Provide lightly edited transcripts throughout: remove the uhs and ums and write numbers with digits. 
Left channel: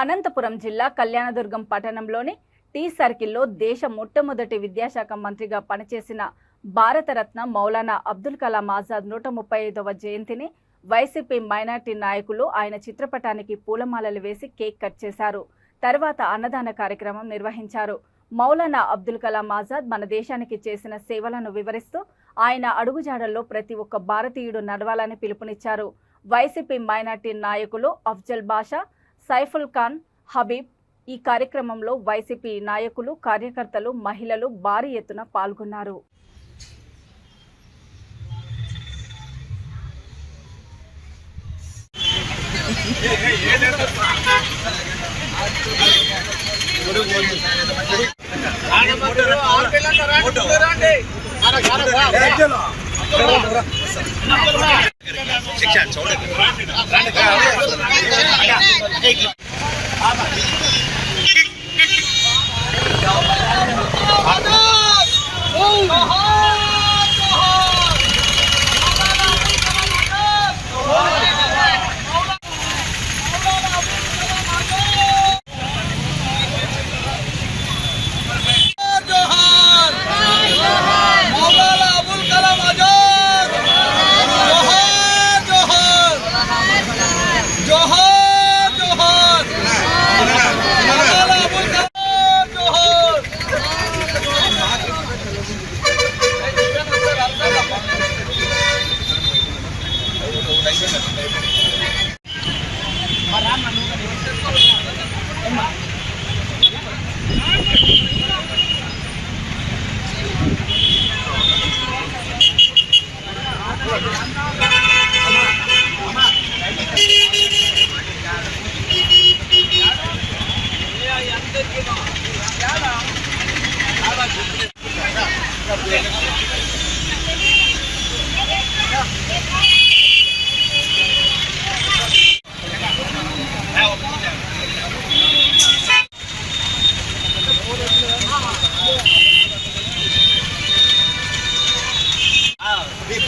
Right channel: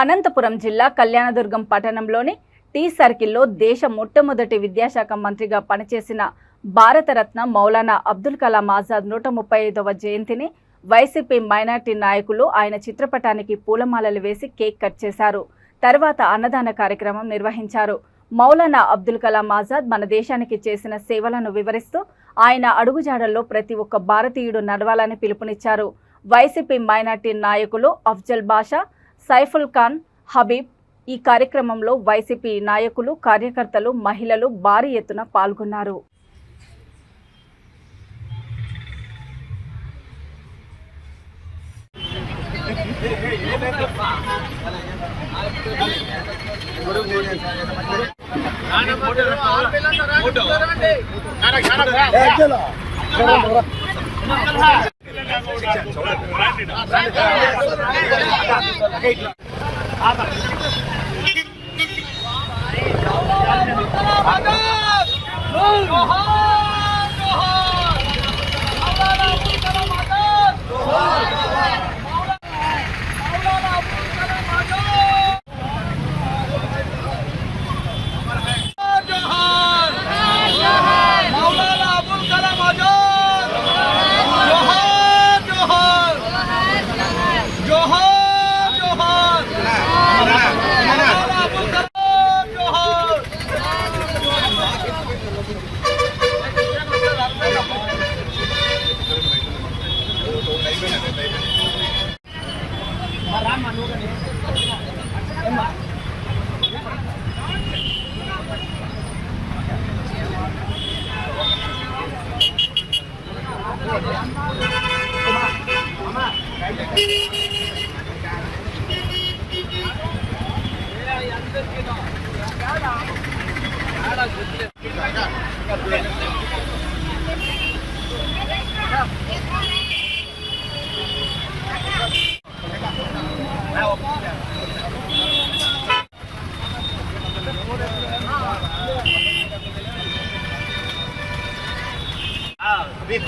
అనంతపురం జిల్లా కళ్యాణదుర్గం పట్టణంలోని టీ సర్కిల్లో దేశ మొట్టమొదటి విద్యాశాఖ మంత్రిగా పనిచేసిన భారతరత్న మౌలానా అబ్దుల్ కలాం ఆజాద్ 135వ జయంతిని వైసీపీ మైనార్టీ నాయకులు ఆయన చిత్రపటానికి పూలమాలలు వేసి కేక్ కట్ చేశారు. తర్వాత అన్నదాన కార్యక్రమం నిర్వహించారు. మౌలానా అబ్దుల్ కలాం ఆజాద్ మన దేశానికి చేసిన సేవలను వివరిస్తూ ఆయన అడుగుజాడల్లో ప్రతి ఒక్క భారతీయుడు నడవాలని పిలుపునిచ్చారు. వైసీపీ మైనార్టీ నాయకులు అఫ్జల్ బాషా, సైఫుల్ ఖాన్, హబీబ్ ఈ కార్యక్రమంలో వైసీపీ నాయకులు, కార్యకర్తలు, మహిళలు భారీ ఎత్తున పాల్గొన్నారు.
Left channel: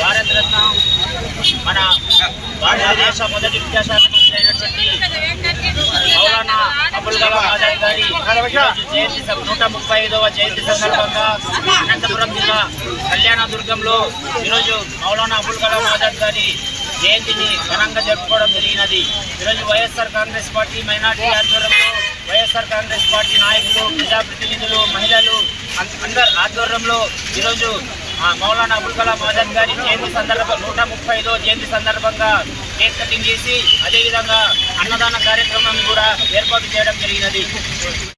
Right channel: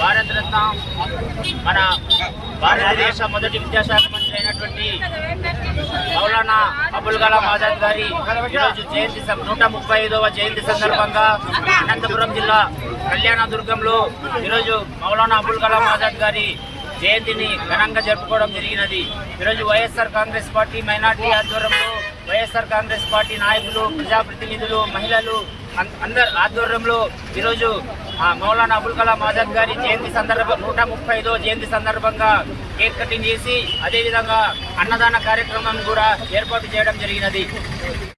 భారత రత్న మన భారతదేశ మొదటి విద్యాశాఖ మంత్రి అయినటువంటి మౌలానా అబుల్ కలాం ఆజాద్ గారి ఈరోజు జయంతి 135వ జయంతి సందర్భంగా అనంతపురం జిల్లా కళ్యాణదుర్గంలో ఈరోజు మౌలానా అబుల్ కలాం ఆజాద్ గారి జయంతిని ఘనంగా జరుపుకోవడం జరిగినది. ఈరోజు వైఎస్ఆర్ కాంగ్రెస్ పార్టీ మైనార్టీ ఆధ్వర్యంలో వైఎస్ఆర్ కాంగ్రెస్ పార్టీ నాయకులు, ప్రజాప్రతినిధులు, మహిళలు అందరి ఆధ్వర్యంలో ఈరోజు మౌలానా అబుల్ కలాం ఆజాద్ గారి జయంతి సందర్భంగా 135వ జయంతి సందర్భంగా కేక్ కటింగ్ చేసి అదేవిధంగా అన్నదాన కార్యక్రమం కూడా ఏర్పాటు చేయడం జరిగినది.